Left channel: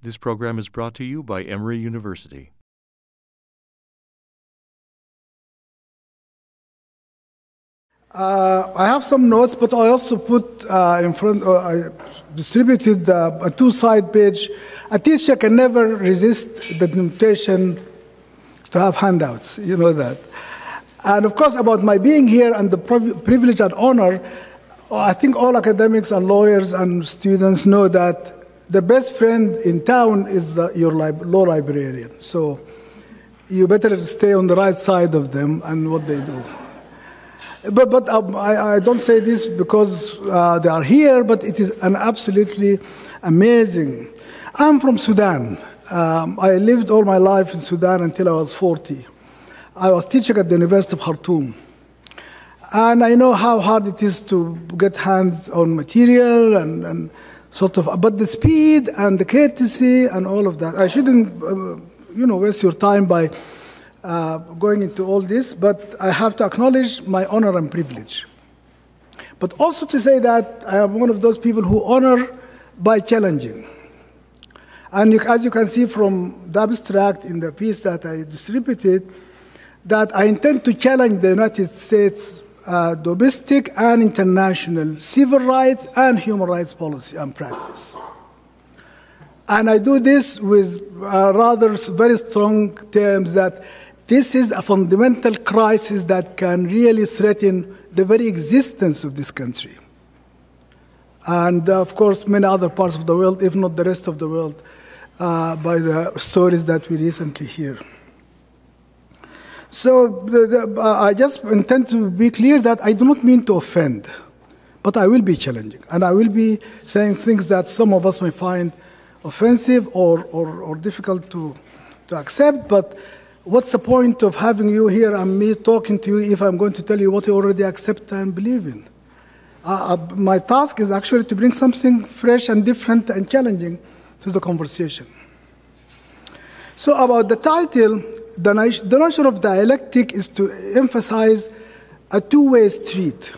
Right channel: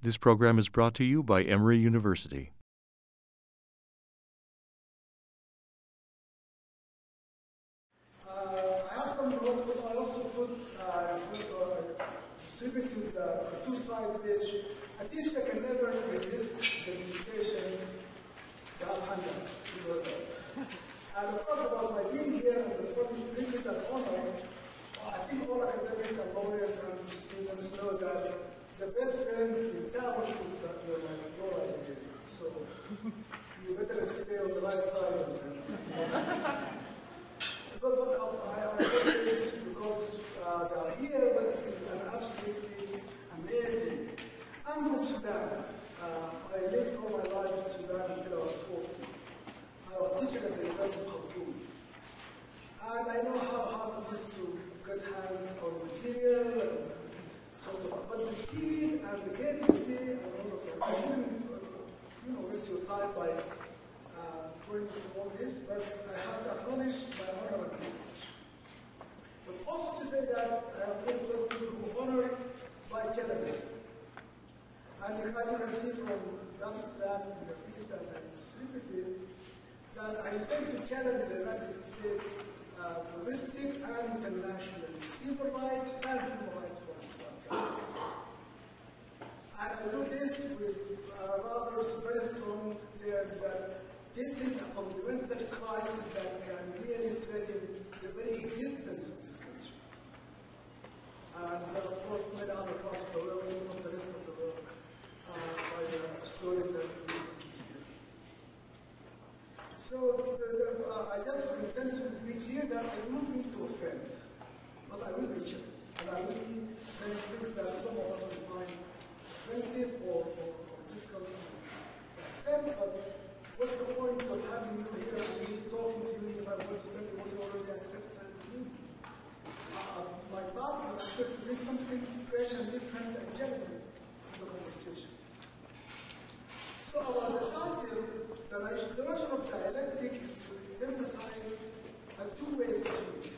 This program is brought to you by Emory University. I have some notes, but I also put in front, I distributed a two-side page. A teacher can never resist the temptation to have handouts, you know that. And of course, about my being here and the privilege and honor, I think all academics and lawyers and students know that the best friend in town is your law librarian. So you better stay on the right side of them and what they do. But I don't say this because they are here, but it is an absolutely amazing. I'm from Sudan. I lived all my life in Sudan until I was 40. I was teaching at the University of Khartoum. And I know how hard it is to get hands on material and sort of, but the speed and the courtesy and all of that. I shouldn't, waste your time by going into all this, but I have to acknowledge my honor and privilege. But also to say that I am one of those people who honor by challenging. And as you can see from the abstract in the piece that I distributed, that I intend to challenge the United States domestic and international civil rights and human rights policy and practice. And I do this with rather very strong terms that this is a fundamental crisis that can really threaten the very existence of this country. And of course, many other parts of the world, if not the rest of the world, by the stories that we recently hear. So I just intend to be clear that I do not mean to offend, but I will be challenging. And I will be saying things that some of us may find offensive or difficult to accept. But what's the point of having you here and me talking to you if I'm going to tell you what you already accept and believe in? My task is actually to bring something fresh and different and challenging to the conversation. So about the title, the notion of dialectic is to emphasize a two-way street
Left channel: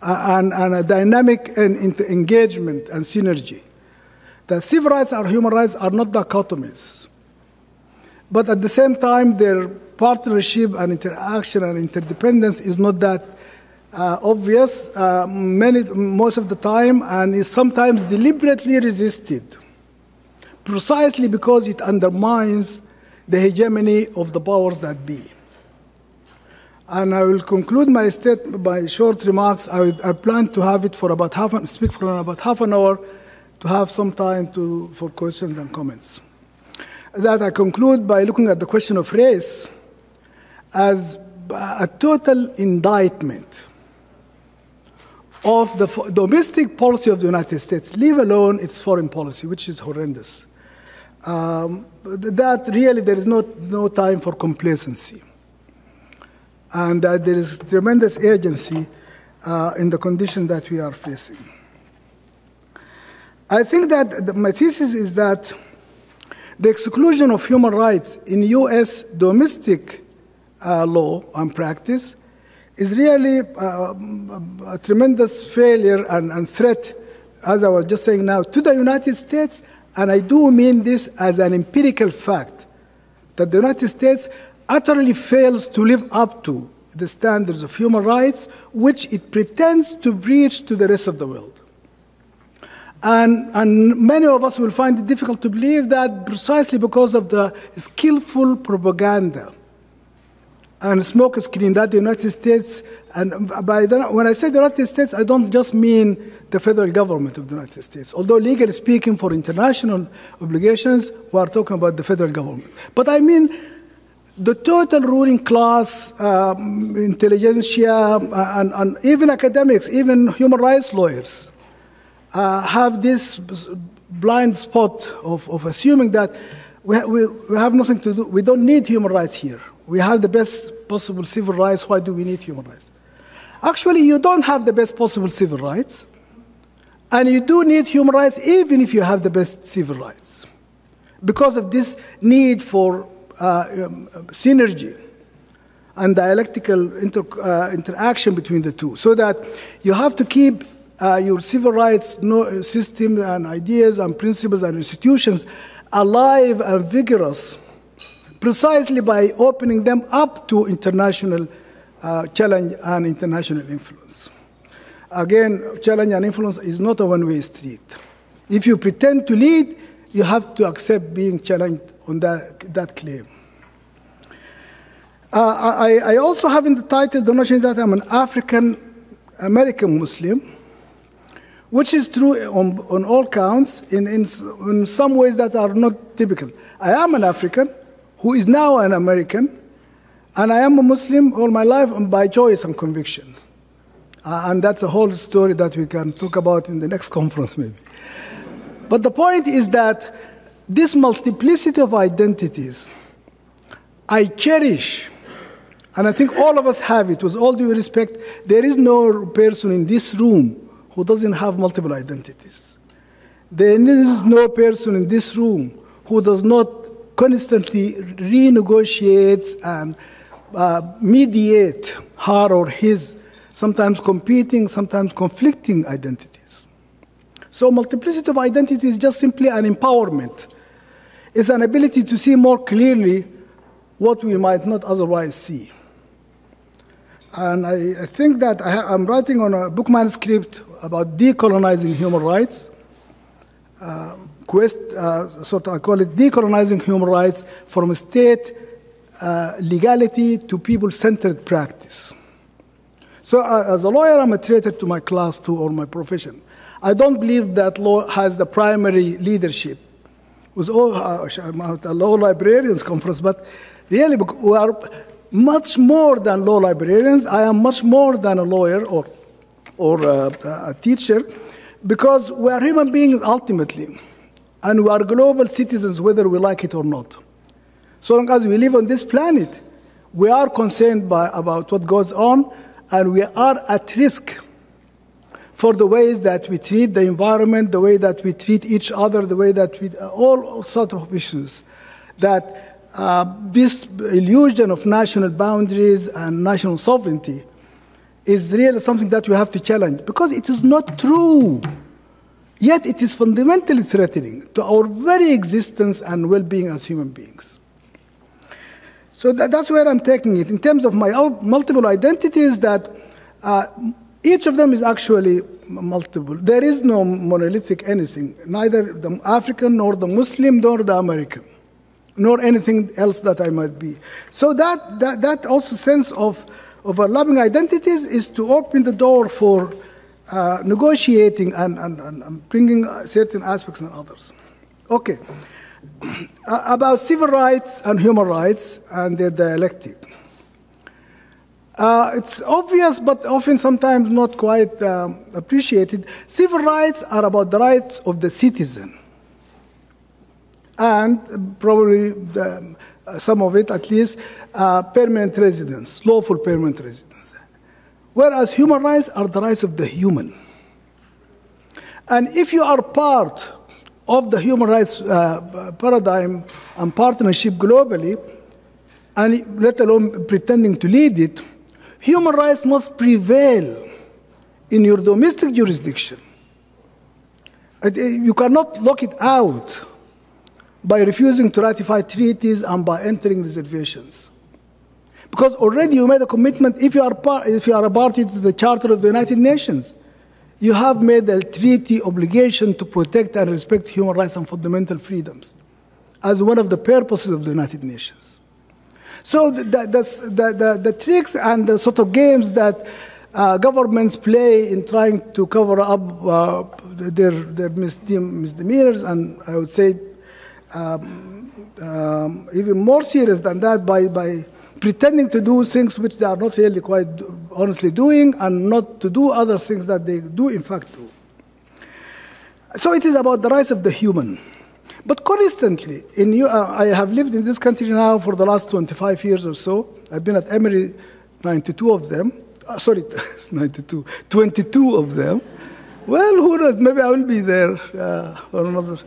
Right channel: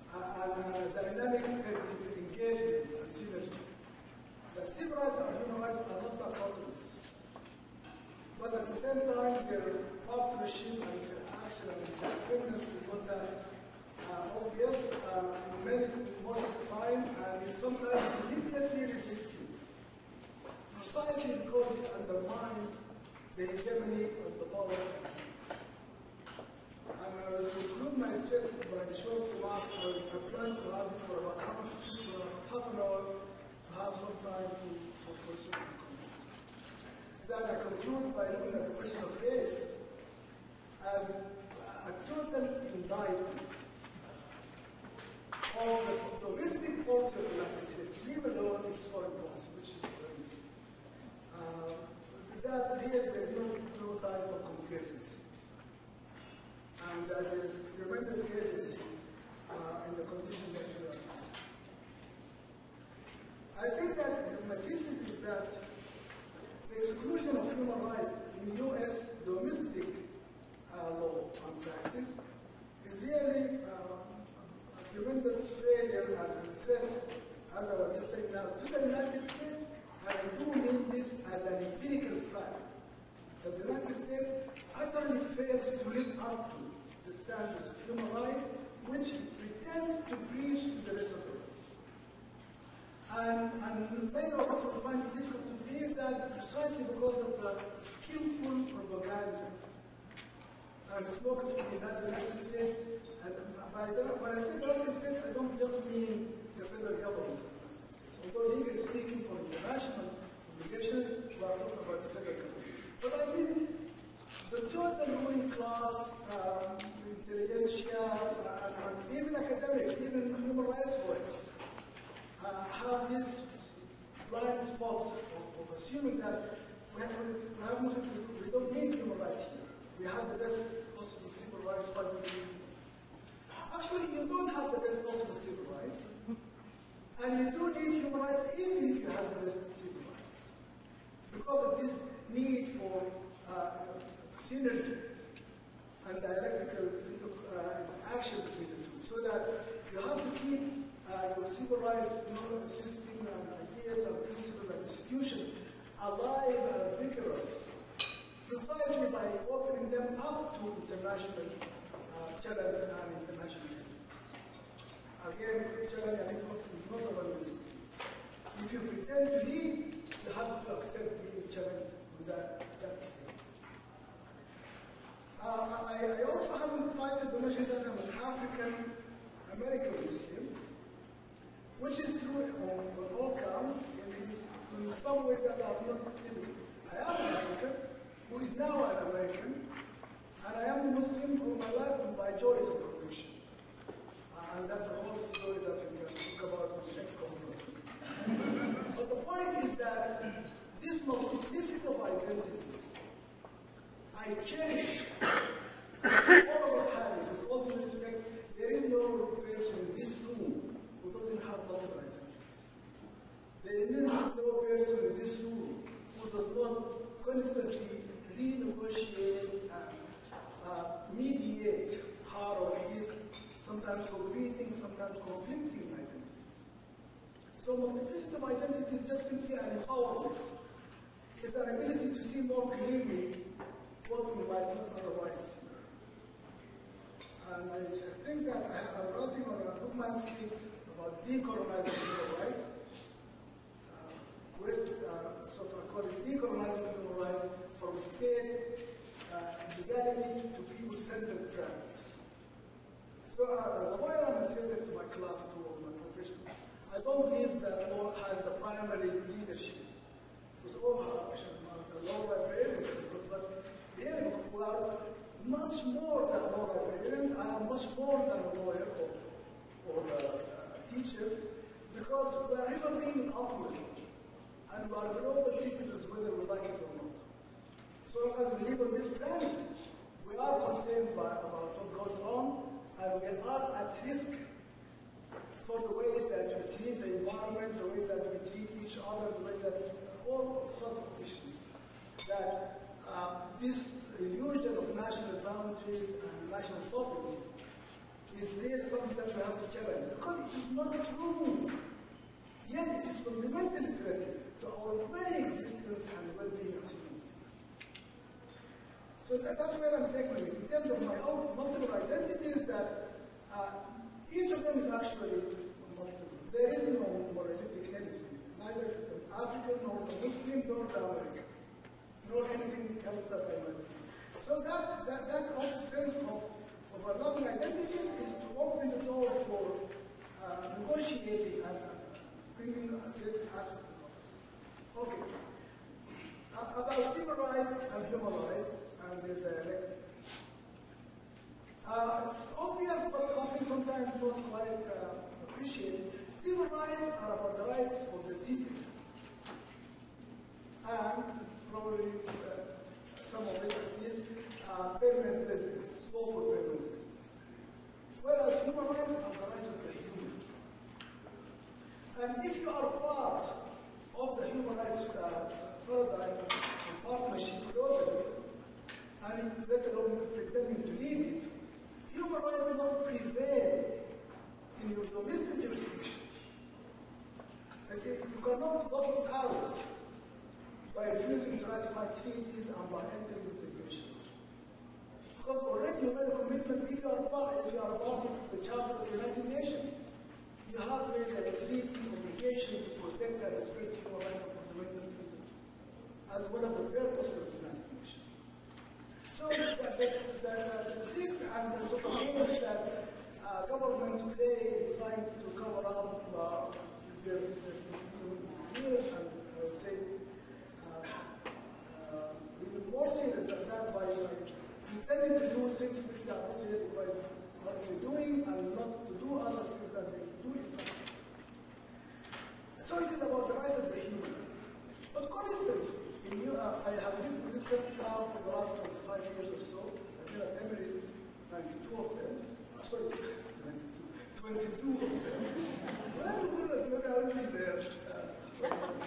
and a dynamic and engagement and synergy. The civil rights and human rights are not dichotomies, but at the same time, their partnership and interaction and interdependence is not that obvious most of the time, and is sometimes deliberately resisted, precisely because it undermines the hegemony of the powers that be. And I will conclude my short remarks. I plan to have it for about speak for about half an hour to have some time for questions and comments. That I conclude by looking at the question of race as a total indictment of the domestic policy of the United States, leave alone its foreign policy, which is horrendous. That really there is no time for complacency. And that there is tremendous urgency in the condition that we are facing. I think that my thesis is that the exclusion of human rights in US domestic law and practice is really a tremendous failure and threat, as I was just saying now, to the United States. And I do mean this as an empirical fact, that the United States utterly fails to live up to the standards of human rights, which it pretends to breach to the rest of the world. And many of us will find it difficult to believe that precisely because of the skillful propaganda and smokescreen that the United States, and when I say the United States, I don't just mean the federal government of the United States. Although legally speaking, for international obligations, we are talking about the federal government. But I mean the total ruling class, intelligentsia, and even academics, even human rights lawyers, have this blind spot of assuming that we have nothing to do. We don't need human rights here. We have the best possible civil rights. Why do we need human rights? Actually, you don't have the best possible civil rights. And you do need human rights even if you have the best civil rights, because of this need for synergy and dialectical interaction between the two, so that you have to keep your civil rights system and ideas and principles and institutions alive and vigorous precisely by opening them up to international challenge and international influence. Again, challenge and influence is not a one-way street. If you pretend to lead, you have to accept being challenged on that claim. I also have in the title the notion that I'm an African-American Muslim, which is true on all counts in some ways that are not typical. I am an African who is now an American, and I am a Muslim all my life by choice and conviction. And that's a whole story that we can talk about in the next conference maybe. But the point is that this multiplicity of identities, I cherish, and I think all of us have it, with all due respect. There is no person in this room who doesn't have multiple identities. There is no person in this room who does not constantly renegotiate and mediate her or his, sometimes competing, sometimes conflicting identities. So multiplicity of identity is just simply an empowerment. It's an ability to see more clearly what we might not otherwise see. And I think that I'm writing on a book manuscript about decolonizing human rights. I call it decolonizing human rights from state legality to people-centered practice. So as a lawyer, I'm a traitor to my class too, or my profession. I don't believe that law has the primary leadership. With all, I'm at a law librarians conference, but really we are much more than law librarians. I am much more than a lawyer or a teacher, because we are human beings ultimately, and we are global citizens whether we like it or not. So long as we live on this planet, we are concerned about what goes on, and we are at risk for the ways that we treat the environment, the way that we treat each other, the way that we, all sorts of issues, that this illusion of national boundaries and national sovereignty is really something that we have to challenge, because it is not true. Yet it is fundamentally threatening to our very existence and well-being as human beings. So that's where I'm taking it. In terms of my multiple identities, that each of them is actually multiple. There is no monolithic anything, neither the African, nor the Muslim, nor the American, nor anything else that I might be. So that also sense of overlapping identities is to open the door for negotiating and bringing certain aspects and others. Okay. About civil rights and human rights and their dialectic. It's obvious, but often sometimes not quite appreciated. Civil rights are about the rights of the citizen, and probably some of it at least, permanent residence, lawful permanent residence. Whereas human rights are the rights of the human. And if you are part of the human rights paradigm and partnership globally, and let alone pretending to lead it, human rights must prevail in your domestic jurisdiction. You cannot lock it out by refusing to ratify treaties and by entering reservations. Because already you made a commitment. If you are a party to the Charter of the United Nations, you have made a treaty obligation to protect and respect human rights and fundamental freedoms as one of the purposes of the United Nations. So that's the tricks and the sort of games that governments play in trying to cover up their misdemeanors, and I would say even more serious than that, by pretending to do things which they are not really quite honestly doing, and not to do other things that they do in fact do. So it is about the rights of the human. But constantly, I have lived in this country now for the last 25 years or so. I've been at Emory 92 of them. 22 of them. Well, who knows? Maybe I will be there for another.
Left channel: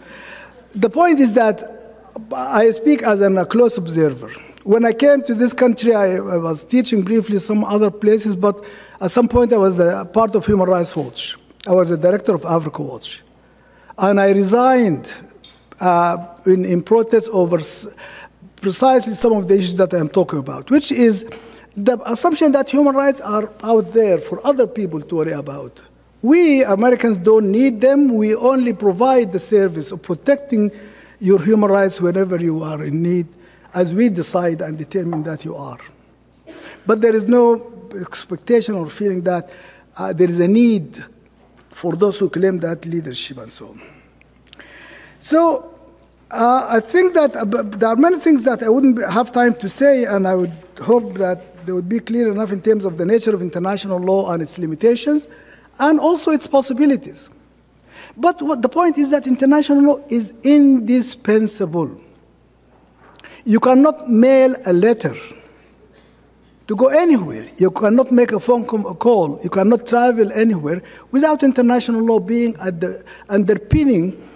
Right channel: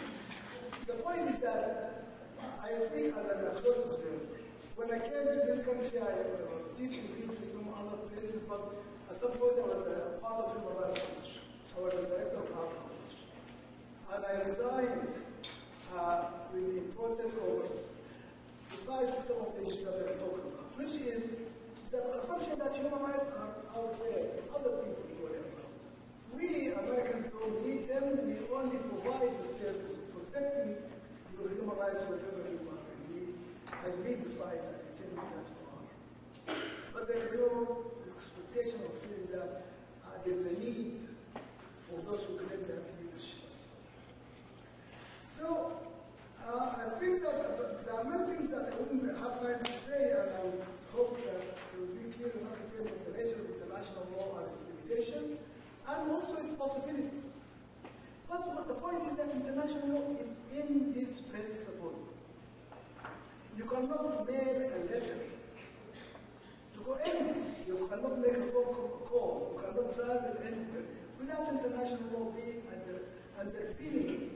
The point is that I speak as a close observer. When I came to this country, I was teaching briefly some other places, but at some point I was part of Human Rights Watch. I was the director of Africa Watch. And I resigned in protest over precisely some of the issues that I'm talking about, which is the assumption that human rights are out there for other people to worry about. We Americans don't need them. We only provide the service of protecting your human rights whenever you are in need, as we decide and determine that you are. But there is no expectation or feeling that there is a need for those who claim that leadership and so on. So I think that there are many things that I wouldn't have time to say, and I would hope that they would be clear enough in terms of the nature of international law and its limitations, and also its possibilities. But what the point is that international law is indispensable. You cannot mail a letter to go anywhere. You cannot make a phone call. You cannot travel anywhere without international law being underpinning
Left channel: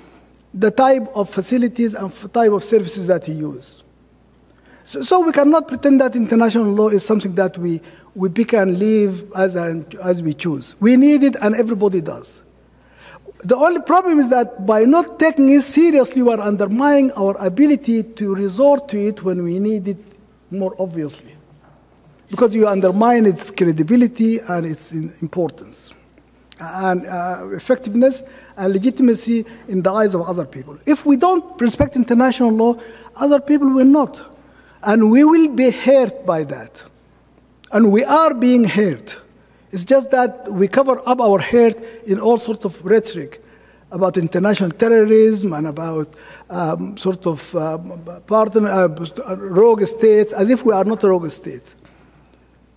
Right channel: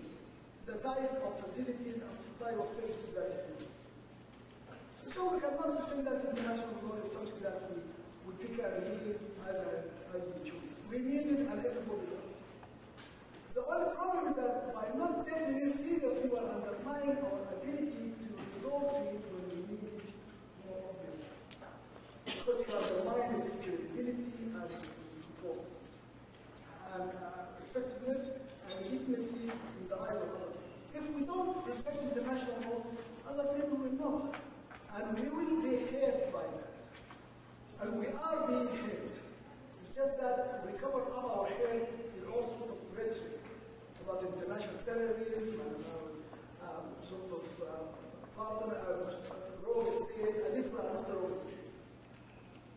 the type of facilities and type of services that you use. So we cannot pretend that international law is something that we pick and leave as we choose. We need it, and everybody does. The only problem is that by not taking it seriously, we are undermining our ability to resort to it when we need it more obviously, because you undermine its credibility and its importance and effectiveness and legitimacy in the eyes of other people. If we don't respect international law, other people will not. And we will be hurt by that. And we are being hurt. It's just that we cover up our hurt in all sorts of rhetoric about international terrorism and about rogue states, as if we are not a rogue state.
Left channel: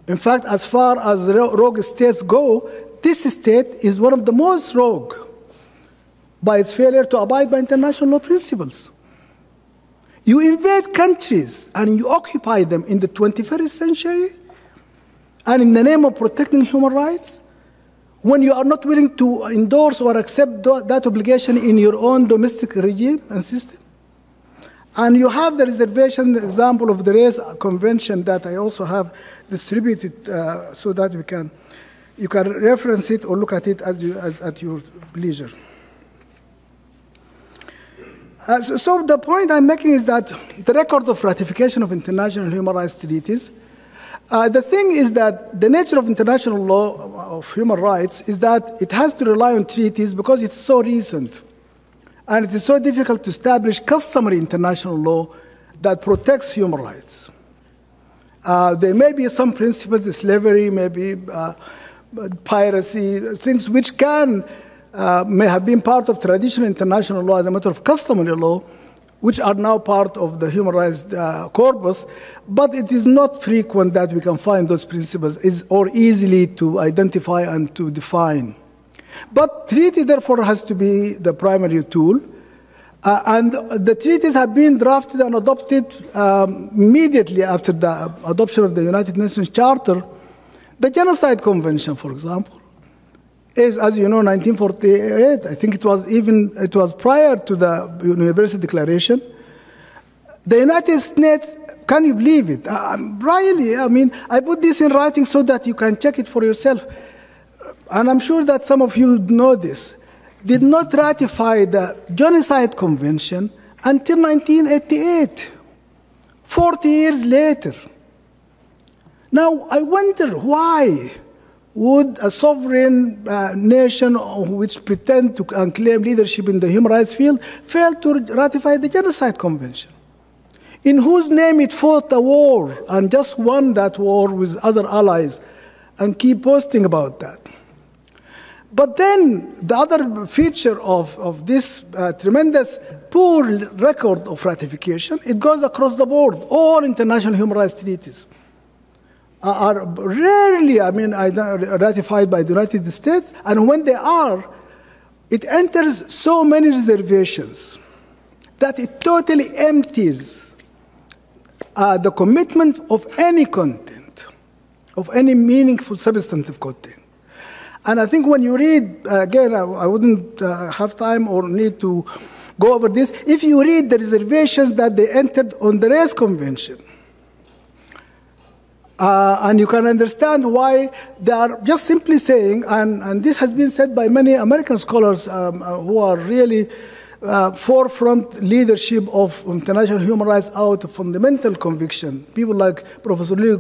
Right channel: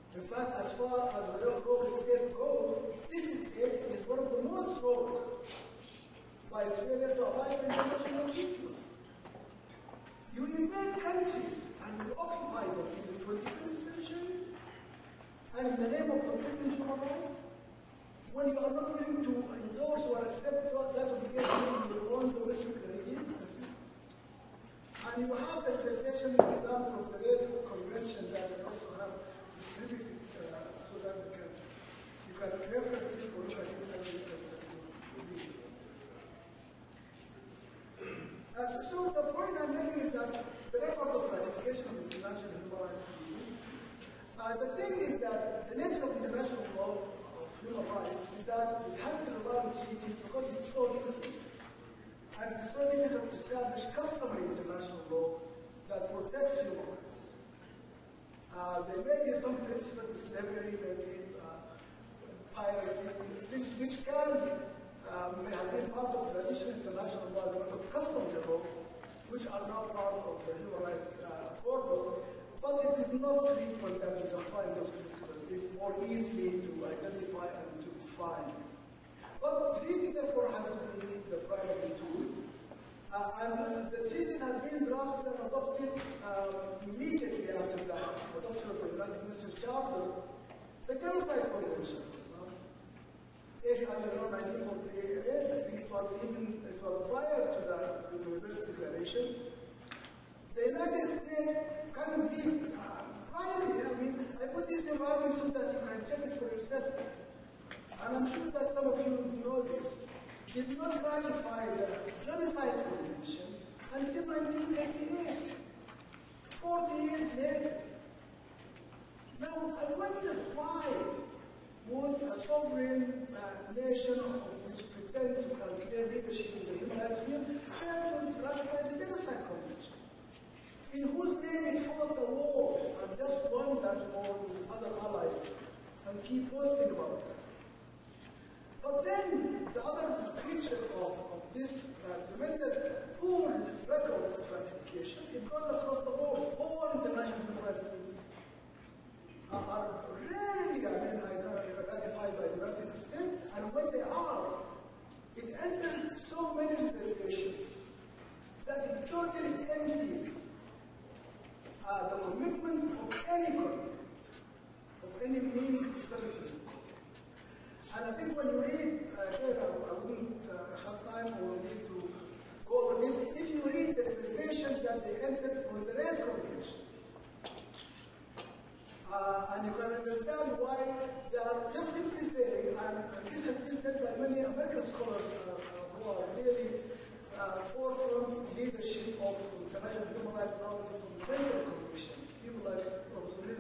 In fact, as far as rogue states go, this state is one of the most rogue by its failure to abide by international law principles. You invade countries and you occupy them in the 21st century, and in the name of protecting human rights, when you are not willing to endorse or accept that obligation in your own domestic regime and system. And you have the reservation example of the Race Convention that I also have distributed so that you can reference it or look at it at your leisure. So the point I'm making is that the record of ratification of international human rights treaties, the thing is that the nature of international law of human rights is that it has to rely on treaties because it's so recent. And it is so difficult to establish customary international law that protects human rights. There may be some principles, slavery, maybe piracy, things which may have been part of traditional international law as a matter of customary law, which are now part of the human rights corpus, but it is not frequent that we can find those principles or easily to identify and to define. But treaty, therefore, has to be the primary tool. And the treaties have been drafted and adopted immediately after the adoption of the United Nations Charter. The Genocide Convention, for example, is, as you know, 1948. I think it was prior to the University Declaration. The United States, can you believe it? Really, I mean, I put this in writing so that you can check it for yourself. And I'm sure that some of you know this, did not ratify the Genocide Convention until 1988, 40 years later. Now, I wonder why would a sovereign nation which pretend to claim leadership in the human rights field fail to ratify the Genocide Convention, in whose name it fought a war and just won that war with other allies and keep boasting about that. But then the other feature of this tremendous poor record of ratification, it goes across the board. All international human rights treaties are rarely, ratified by the United States, and when they are, it enters so many reservations that it totally empties the commitment of any content, of any meaningful substantive content. And I think when you read, again, I wouldn't have time or need to go over this. If you read the reservations that they entered on the Race Convention, And you can understand why they are just simply saying, and this has been said by many American scholars who are really forefront leadership of international human rights out of fundamental conviction. People like Professor Louis,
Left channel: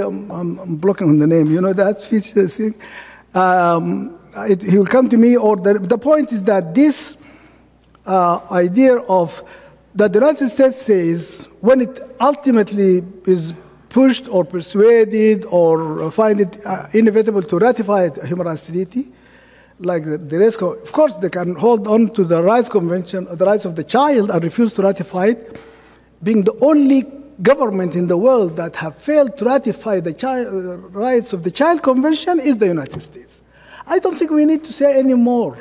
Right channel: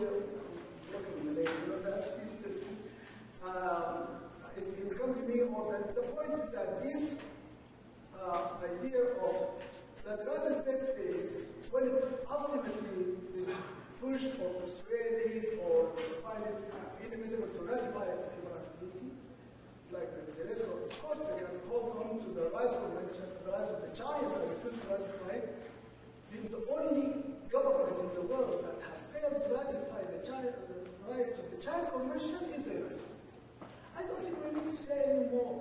I'm blocking on the name, you know that feature thing? He will come to me, or the point is that this idea of that the United States says, when it ultimately is pushed or persuaded or find it inevitable to ratify a human rights treaty, like the rights, of course, they can hold on to the rights convention, the rights of the child, and refuse to ratify it, being the only government in the world that have failed to ratify the rights of the child convention is the United States. I don't think we need to say any more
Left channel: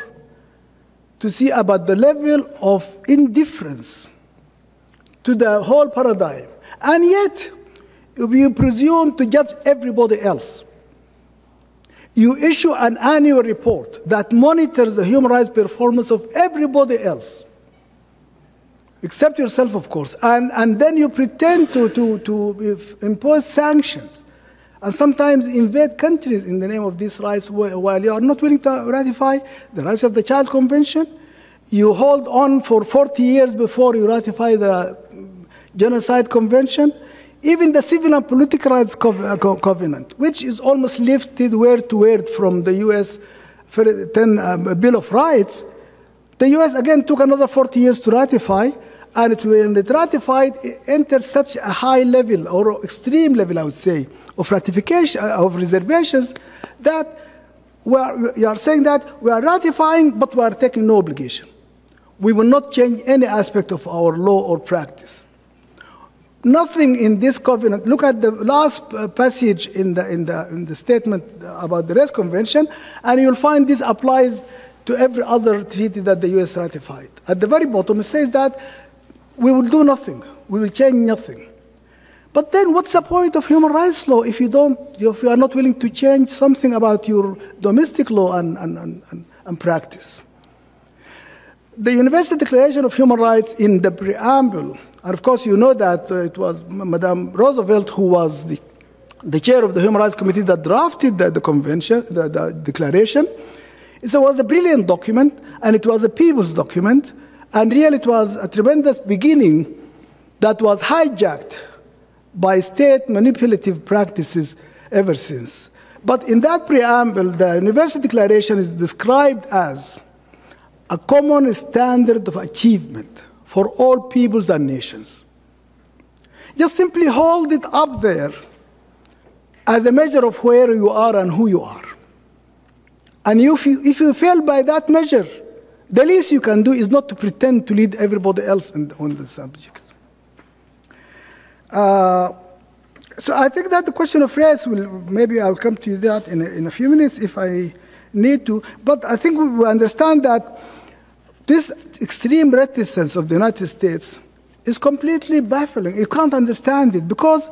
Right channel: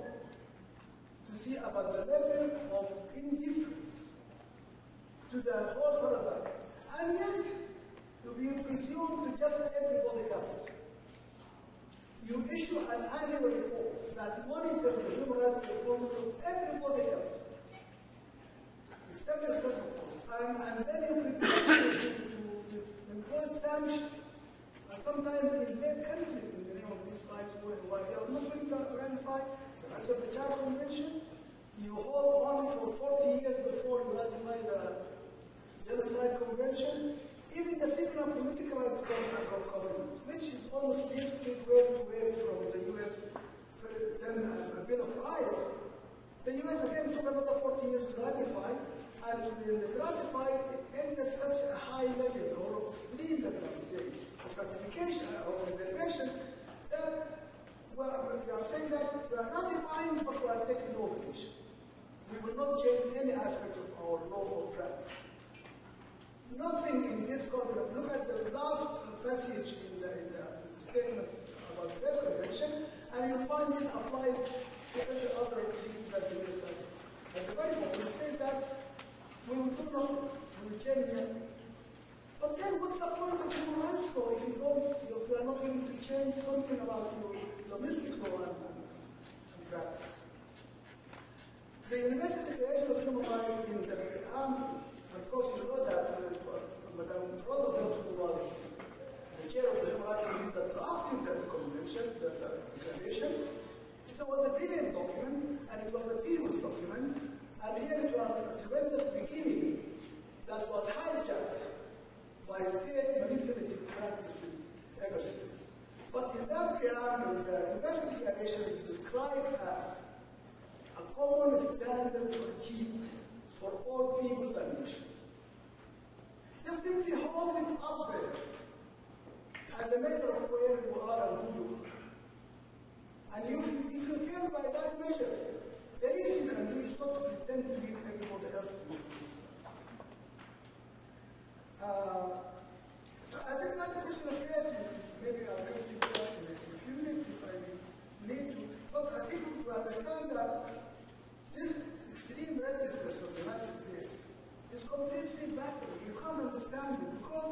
to see about the level of indifference to the whole paradigm. And yet, if you presume to judge everybody else, you issue an annual report that monitors the human rights performance of everybody else, except yourself, of course, and then you pretend to impose sanctions, and sometimes invade countries in the name of these rights while you are not willing to ratify the rights of the Child Convention. You hold on for 40 years before you ratify the Genocide Convention. Even the Civil and Political Rights Covenant, which is almost lifted word to word from the U.S. Bill of Rights, the U.S. again took another 40 years to ratify, and when it ratified, it entered such a high level, or extreme level, I would say, of ratification, of reservations, that you are saying that we are ratifying, but we are taking no obligation. We will not change any aspect of our law or practice. Nothing in this covenant. Look at the last passage in the statement about the Rest Convention, and you'll find this applies to every other treaty that the U.S. ratified. At the very bottom, it says that we will do nothing. We will change nothing. But then what's the point of human rights law if you are not willing to change something about your domestic law and practice? The Universal Declaration of Human Rights in the preamble, and of course you know that it was Madame Roosevelt who was the chair of the Human Rights Committee that drafted the convention, the declaration. It was a brilliant document, and it was a people's document, and really it was a tremendous beginning that was hijacked by state manipulative practices ever since. But in that preamble, the Universal Declaration is described as a common standard of achievement for all peoples and nations. Just simply hold it up there as a measure of where you are and who you are. And if you fail by that measure, the least you can do is not to pretend to lead everybody else on the subject. So I think that the question of race maybe I'll come to that in a few minutes if I need to. But I think we understand that this extreme reticence of the United States is completely baffling. You can't understand it because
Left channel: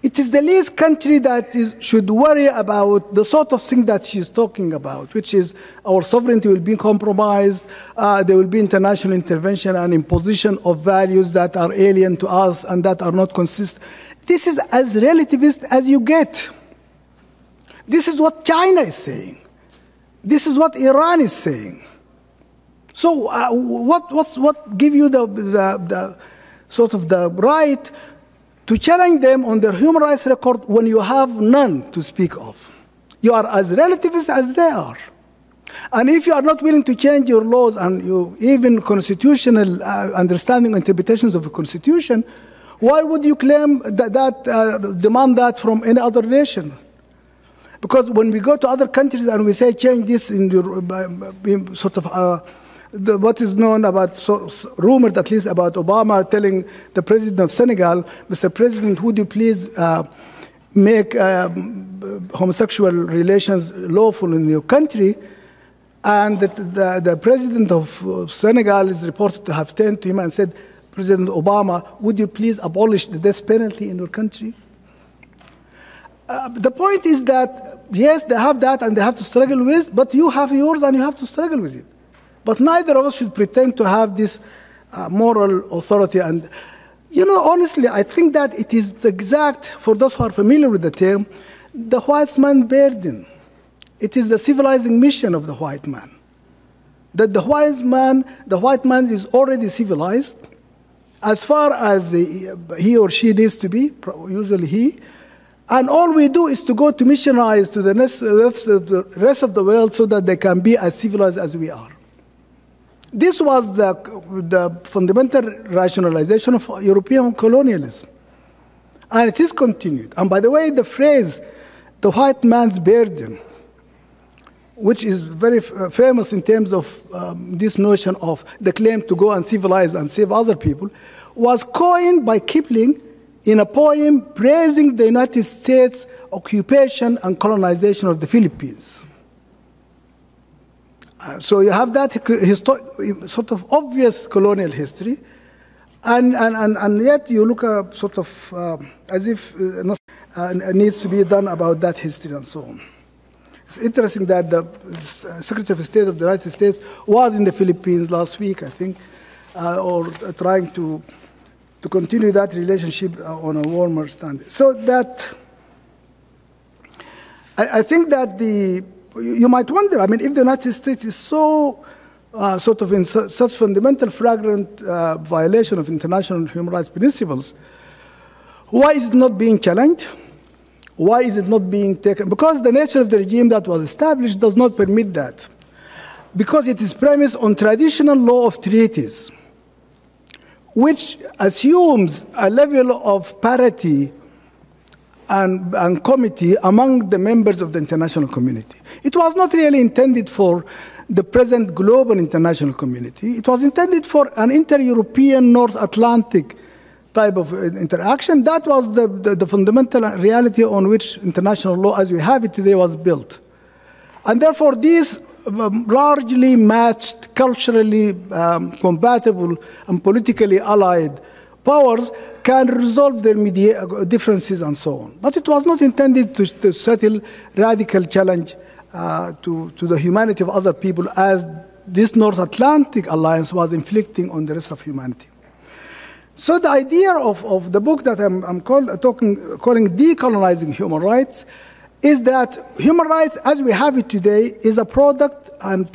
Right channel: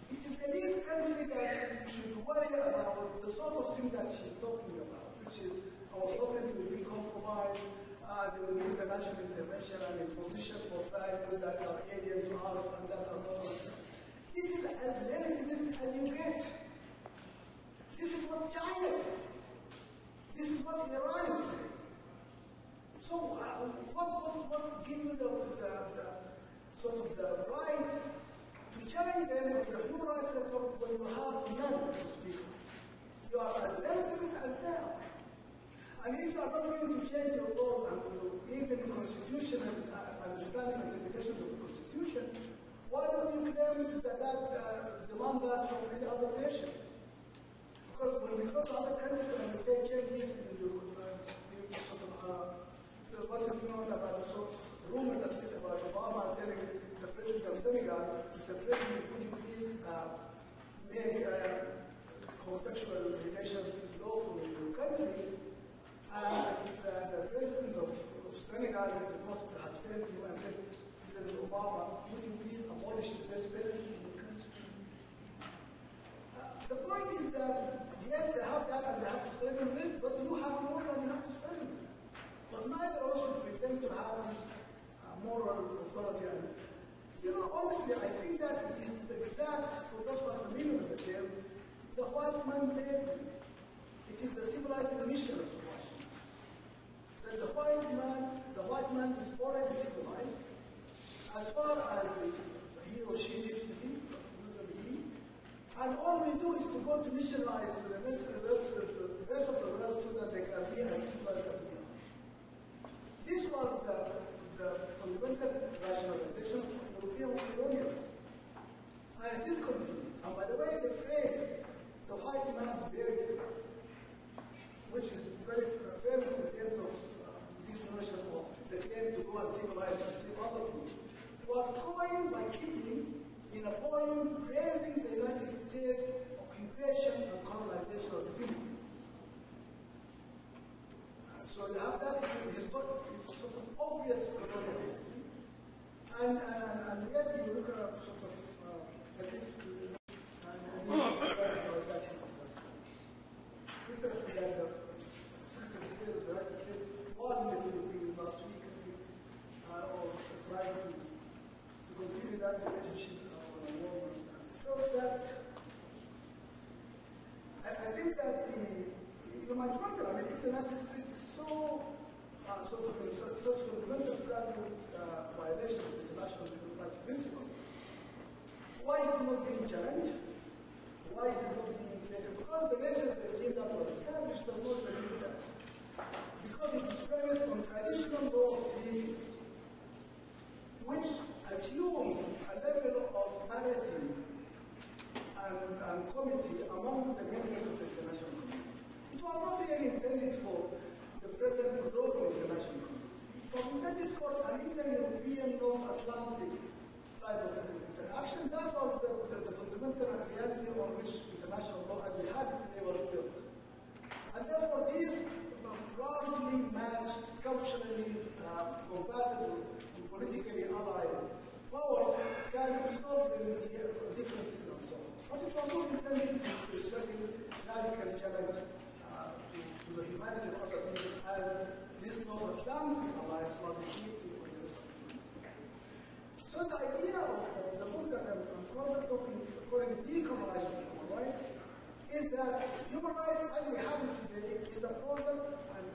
it is the least country that should worry about the sort of thing that she's talking about, which is our sovereignty will be compromised, there will be international intervention and imposition of values that are alien to us and that are not consistent. This is as relativist as you get. This is what China is saying. This is what Iran is saying. So what give you the sort of the right to challenge them on their human rights record when you have none to speak of? You are as relativist as they are. And if you are not willing to change your laws and even constitutional understanding interpretations of the Constitution, why would you claim demand that from any other nation? Because when we go to other countries and we say change this in your sort of what is known about, rumored at least about Obama telling the president of Senegal, Mr. President, would you please make homosexual relations lawful in your country? And the president of Senegal is reported to have turned to him and said, President Obama, would you please abolish the death penalty in your country? The point is that, yes, they have that and they have to struggle with, but you have yours and you have to struggle with it. But neither of us should pretend to have this moral authority. And Honestly, I think that it is the exact, for those who are familiar with the term, the white man burden. It is the civilizing mission of the white man. That the white man is already civilized as far as he or she needs to be, usually he, and all we do is to go to missionize to the rest of the world so that they can be as civilized as we are. This was the fundamental rationalization of European colonialism. And it is continued. And by the way, the phrase, the white man's burden, which is very famous in terms of this notion of the claim to go and civilize and save other people, was coined by Kipling in a poem praising the United States occupation and colonization of the Philippines. So you have that sort of obvious colonial history, and yet you look sort of as if nothing needs to be done about that history and so on. It's interesting that the Secretary of State of the United States was in the Philippines last week, I think, or trying to continue that relationship on a warmer standard. So that, I think that you might wonder, I mean, if the United States is so sort of in such fundamental flagrant violation of international human rights principles, why is it not being challenged? Why is it not being taken? Because the nature of the regime that was established does not permit that. Because it is premised on traditional law of treaties, which assumes a level of parity and comity among the members of the international community. It was not really intended for the present global international community. It was intended for an inter-European North Atlantic type of interaction. That was the fundamental reality on which international law as we have it today was built. And therefore, these largely matched, culturally compatible, and politically allied powers can resolve their differences and so on. But it was not intended to settle radical challenge to the humanity of other people as this North Atlantic alliance was inflicting on the rest of humanity. So the idea of the book that I'm calling Decolonizing Human Rights is that human rights as we have it today is a product and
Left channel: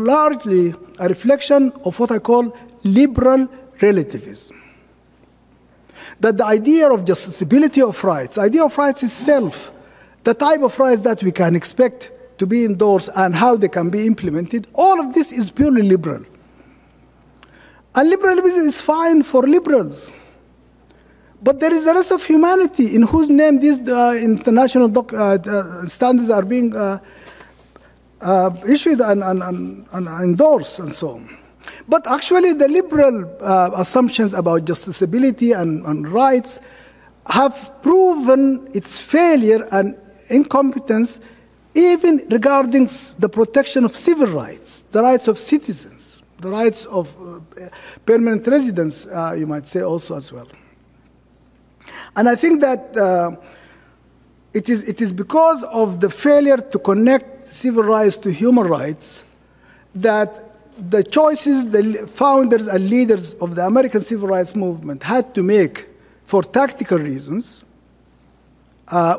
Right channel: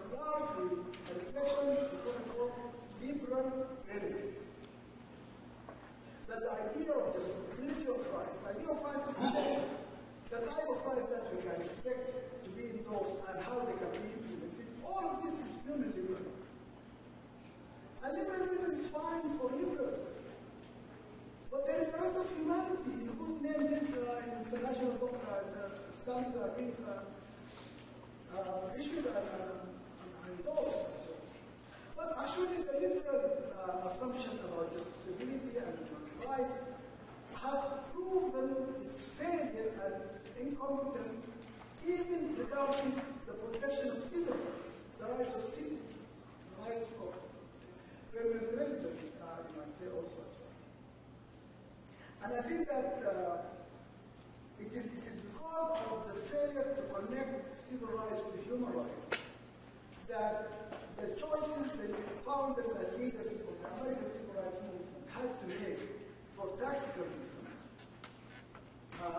largely a reflection of what I call liberal relativism. That the idea of justiciability of rights, the idea of rights itself, the type of rights that we can expect to be endorsed and how they can be implemented, all of this is purely liberal. And liberalism is fine for liberals. But there is the rest of humanity in whose name these international standards are being issued and endorsed and so on. But actually the liberal assumptions about justiciability and rights have proven its failure and incompetence even regarding the protection of civil rights, the rights of citizens, the rights of permanent residents, you might say also as well. And I think that it is because of the failure to connect civil rights to human rights that the choices the founders and leaders of the American civil rights movement had to make for tactical reasons,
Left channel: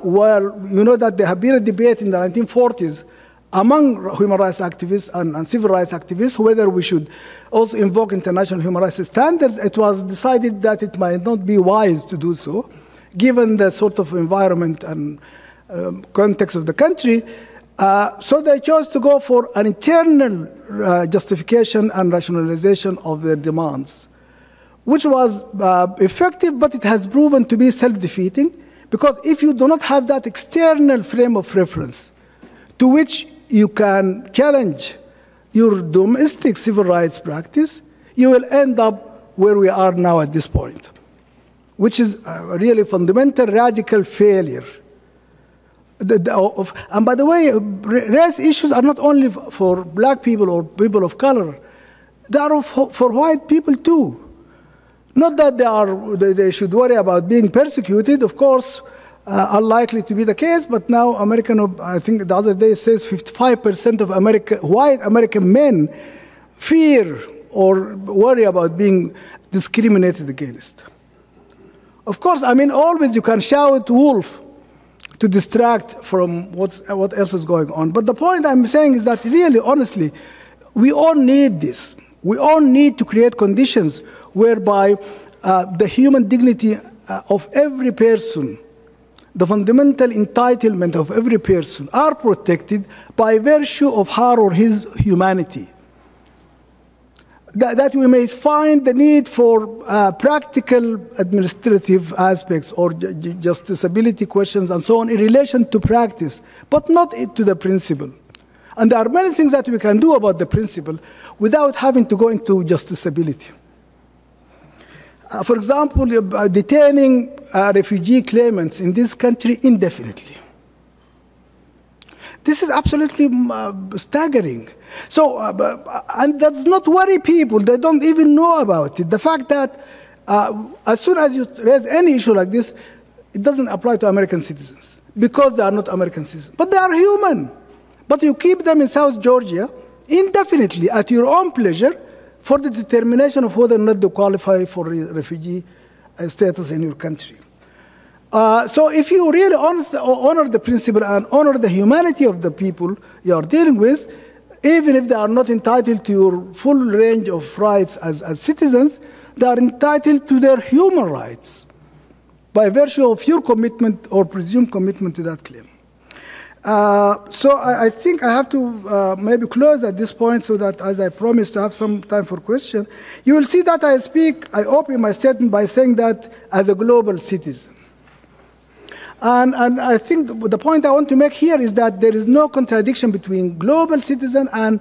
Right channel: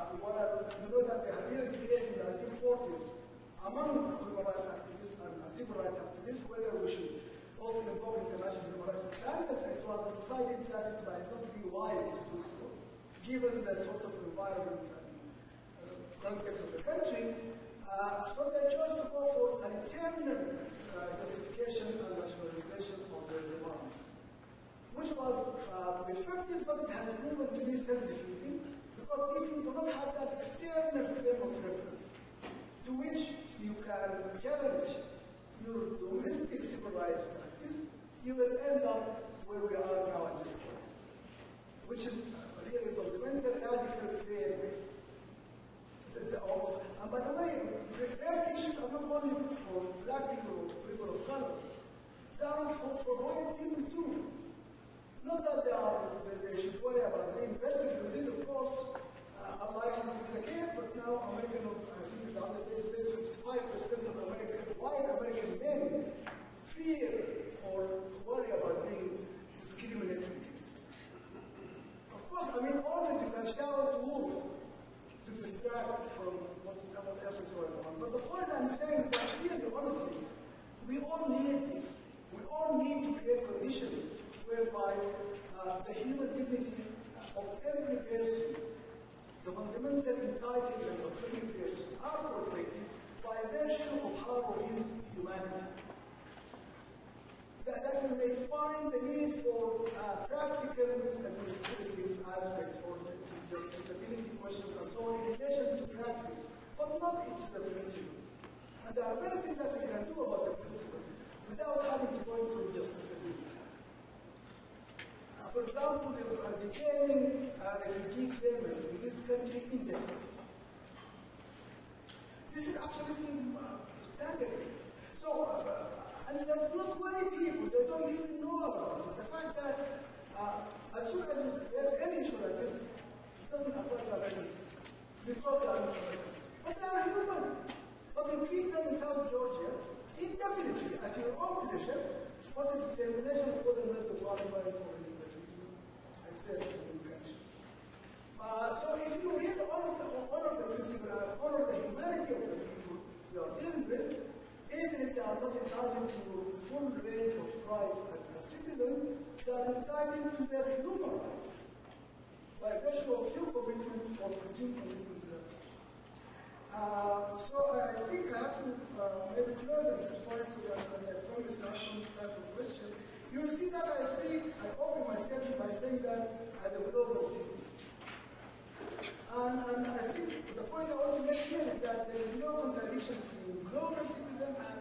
where you know that there have been a debate in the 1940s among human rights activists and civil rights activists whether we should also invoke international human rights standards. It was decided that it might not be wise to do so, given the sort of environment and context of the country. So they chose to go for an internal justification and rationalization of their demands, which was effective, but it has proven to be self-defeating, because if you do not have that external frame of reference to which you can challenge your domestic civil rights practice, you will end up where we are now at this point, which is a really fundamental radical failure. And by the way, race issues are not only for black people or people of color, they are for white people too. Not that they should worry about being persecuted, of course, unlikely to be the case, but now I think the other day it says 55% of white American men fear or worry about being discriminated against. Of course, I mean, always you can shout wolf to distract from what else is going on. But the point I'm saying is that really, honestly, we all need this. We all need to create conditions whereby the human dignity of every person, the fundamental entitlement of every person are protected by virtue of her or his humanity. That we may find the need for practical administrative aspects or justiciability questions and so on in relation to practice, but not to the principle. And there are many things that we can do about the principle without having to go into justiciability. For example, detaining refugee claimants in this country indefinitely. This is absolutely staggering. So, and that does not worry people. They don't even know about it. The fact that as soon as you raise any issue like this, it doesn't apply to American citizens because they are not American citizens. But they are human. But you keep them in South Georgia indefinitely at your own pleasure for the determination of whether or not they qualify for refugee status in your country. So if you really honor the principle and honor the humanity of the people you are dealing with, even if they are not entitled to your full range of rights as citizens, they are entitled to their human rights by virtue of your commitment or presumed commitment to that claim. So I think I have to maybe close at this point so that, as I promised, to have some time for questions. You will see that I open my statement by saying that as a global citizen. And I think the point I want to make here is that there is no contradiction between global citizen and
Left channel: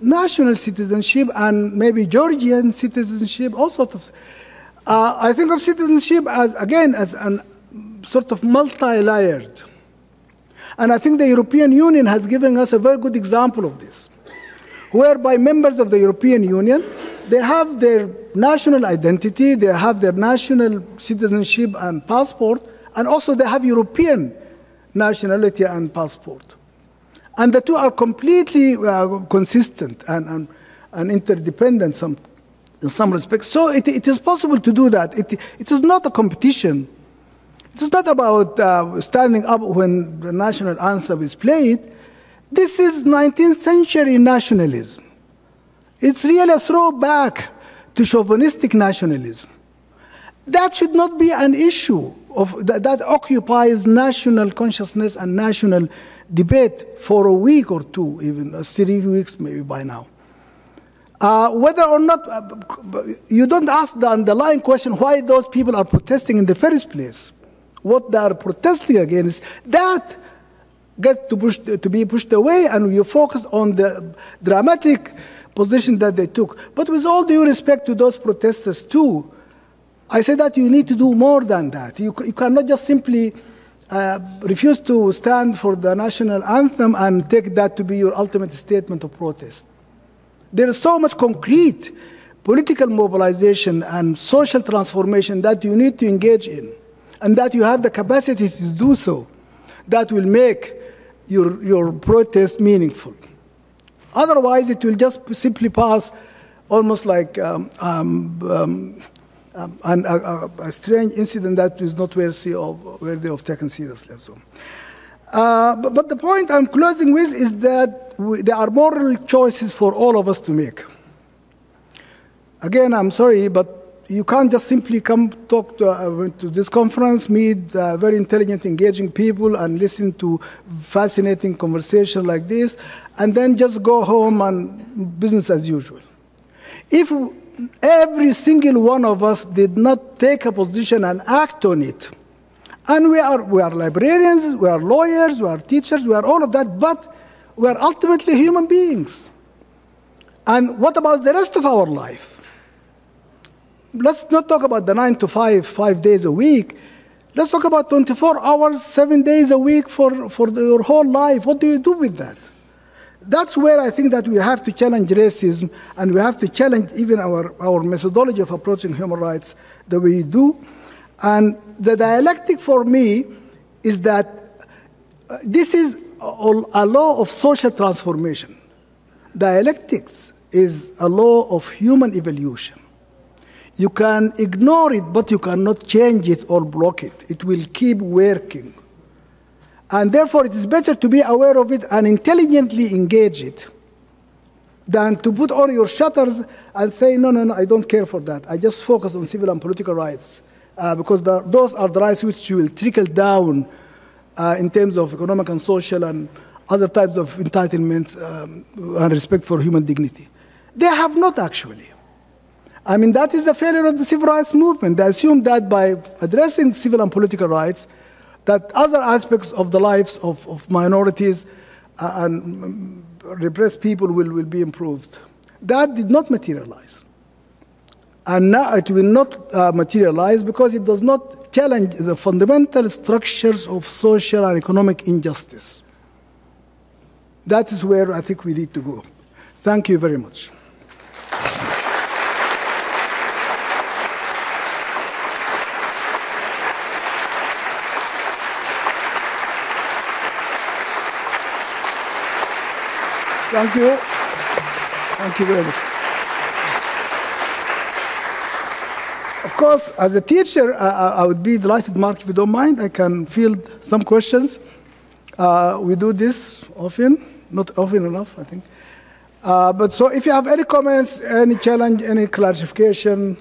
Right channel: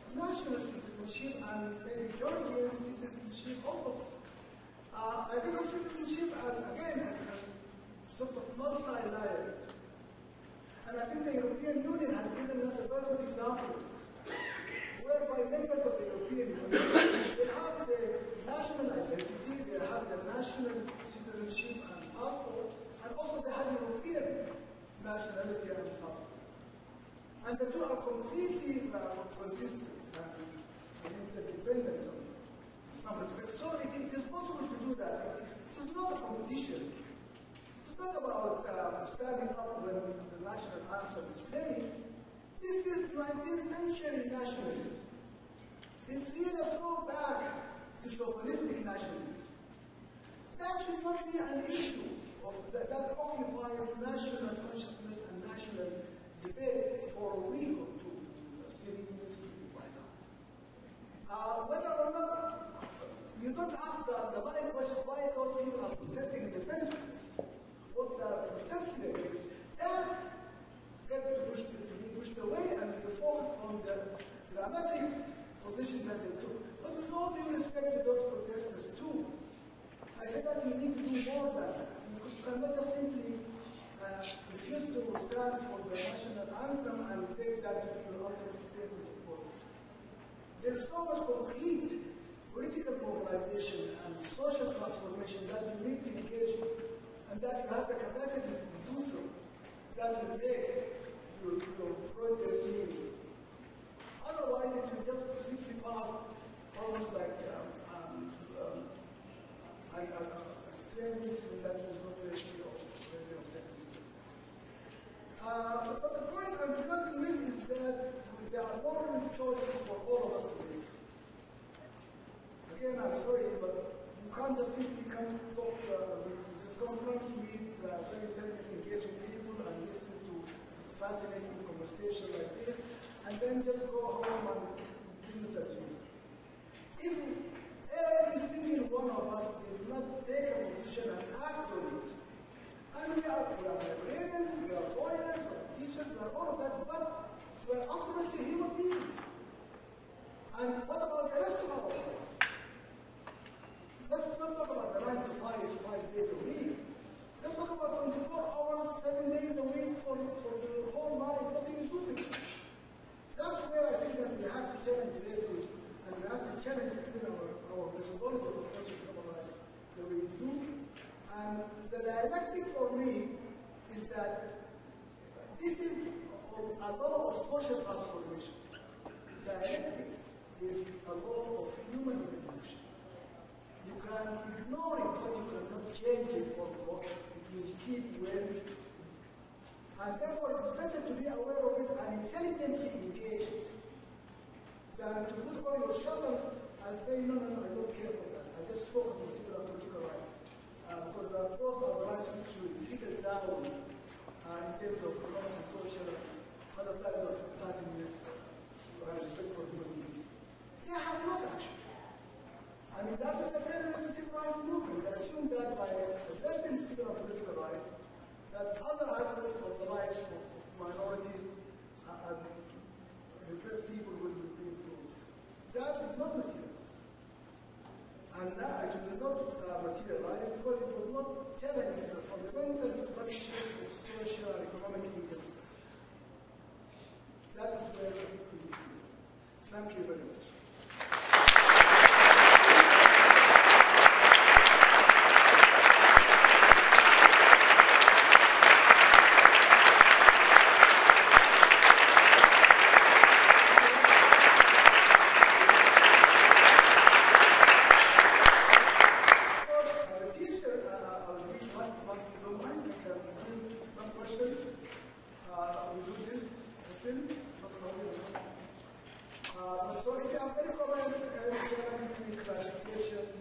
national citizenship and maybe Georgian citizenship, all sorts of. I think of citizenship as, again, as a sort of multi-layered. And I think the European Union has given us a very good example of this, whereby members of the European Union, they have their national identity, they have their national citizenship and passport, and also they have European nationality and passport. And the two are completely consistent and interdependent in some respects. So it is possible to do that. It is not a competition. It is not about standing up when the national anthem is played. This is 19th century nationalism. It's really a throwback to chauvinistic nationalism. That should not be an issue that occupies national consciousness and national debate for a week or two, even 3 weeks maybe by now. Whether or not, you don't ask the underlying question why those people are protesting in the first place. What they are protesting against, that gets to be pushed away, and you focus on the dramatic position that they took. But with all due respect to those protesters too, I say that you need to do more than that. You cannot just simply refuse to stand for the national anthem and take that to be your ultimate statement of protest. There is so much concrete political mobilization and social transformation that you need to engage in, and that you have the capacity to do so, that will make your protest meaningful. Otherwise, it will just simply pass almost like a strange incident that is not worthy of taken seriously. So. But the point I'm closing with is that there are moral choices for all of us to make. Again, I'm sorry, but you can't just simply come talk to this conference, meet very intelligent, engaging people, and listen to fascinating conversation like this, and then just go home and business as usual. If every single one of us did not take a position and act on it, and we are librarians, we are lawyers, we are teachers, we are all of that, but we are ultimately human beings. And what about the rest of our life? Let's not talk about the 9 to 5, 5 days a week. Let's talk about 24 hours, 7 days a week for your whole life. What do you do with that? That's where I think that we have to challenge racism, and we have to challenge even our methodology of approaching human rights the way we do. And the dialectic for me is that this is a law of social transformation. Dialectics is a law of human evolution. You can ignore it, but you cannot change it or block it. It will keep working. And therefore, it is better to be aware of it and intelligently engage it than to put all your shutters and say, no, no, no, I don't care for that. I just focus on civil and political rights. Because those are the rights which will trickle down in terms of economic and social and other types of entitlements and respect for human dignity. They have not actually. I mean, that is the failure of the civil rights movement. They assume that by addressing civil and political rights, that other aspects of the lives of minorities and repressed people will be improved. That did not materialize. And now it will not materialize because it does not challenge the fundamental structures of social and economic injustice. That is where I think we need to go. Thank you very much. Thank you. Thank you very much. Of course, as a teacher, I would be delighted, Mark, if you don't mind. I can field some questions. We do this often, not often enough, I think. But so if you have any comments, any challenge, any clarification,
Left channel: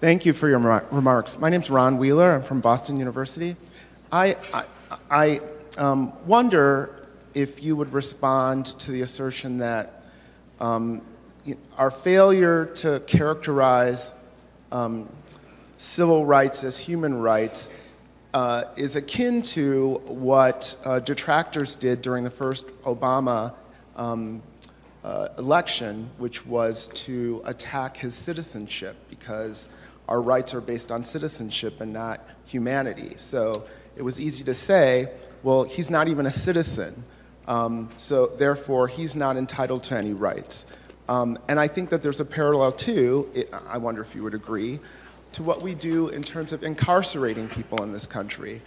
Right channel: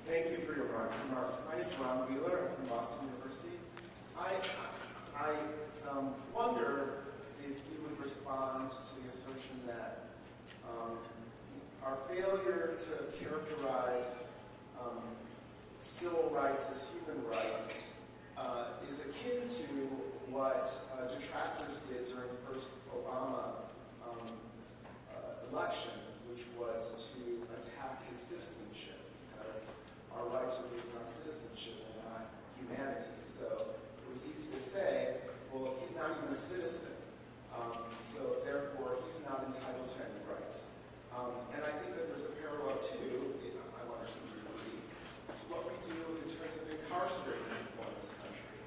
Thank you for your remarks. My name's Ron Wheeler. I'm from Boston University. I wonder if you would respond to the assertion that our failure to characterize civil rights as human rights is akin to what detractors did during the first Obama election, which was to attack his citizenship, because our rights are based on citizenship and not humanity. So it was easy to say, well, he's not even a citizen, so therefore he's not entitled to any rights. And I think that there's a parallel too, I wonder if you would agree, to what we do in terms of incarcerating people in this country.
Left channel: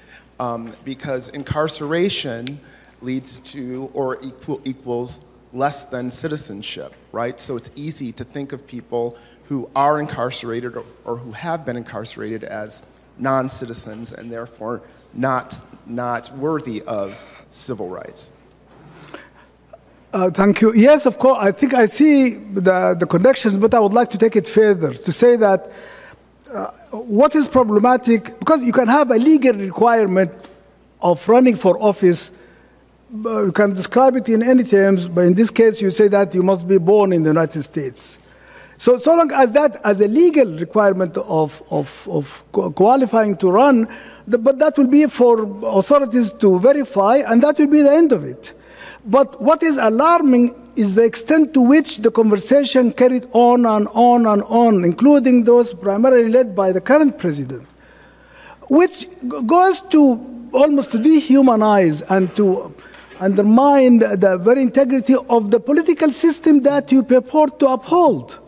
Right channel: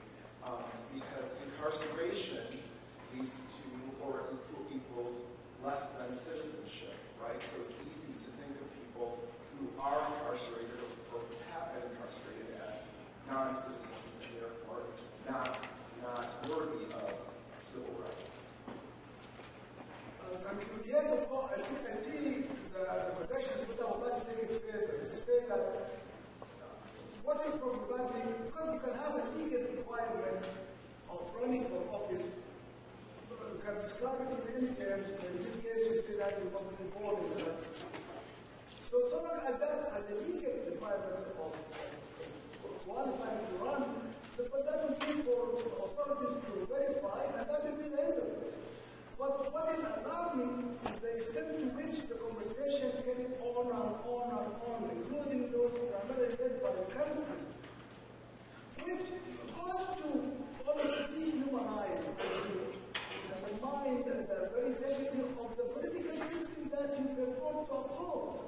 Because incarceration leads to or equals less than citizenship, right? So it's easy to think of people who are incarcerated or who have been incarcerated as non-citizens and therefore not worthy of civil rights. Thank you. Yes, of course, I think I see the connections, but I would like to take it further to say that what is problematic, because you can have a legal requirement of running for office, you can describe it in any terms, but in this case you say that you must be born in the United States. So long as that as a legal requirement of qualifying to run, but that will be for authorities to verify, and that will be the end of it. But what is alarming is the extent to which the conversation carried on and on and on, including those primarily led by the current president, which goes to almost to dehumanize and to undermine the very integrity of the political system that you purport to uphold.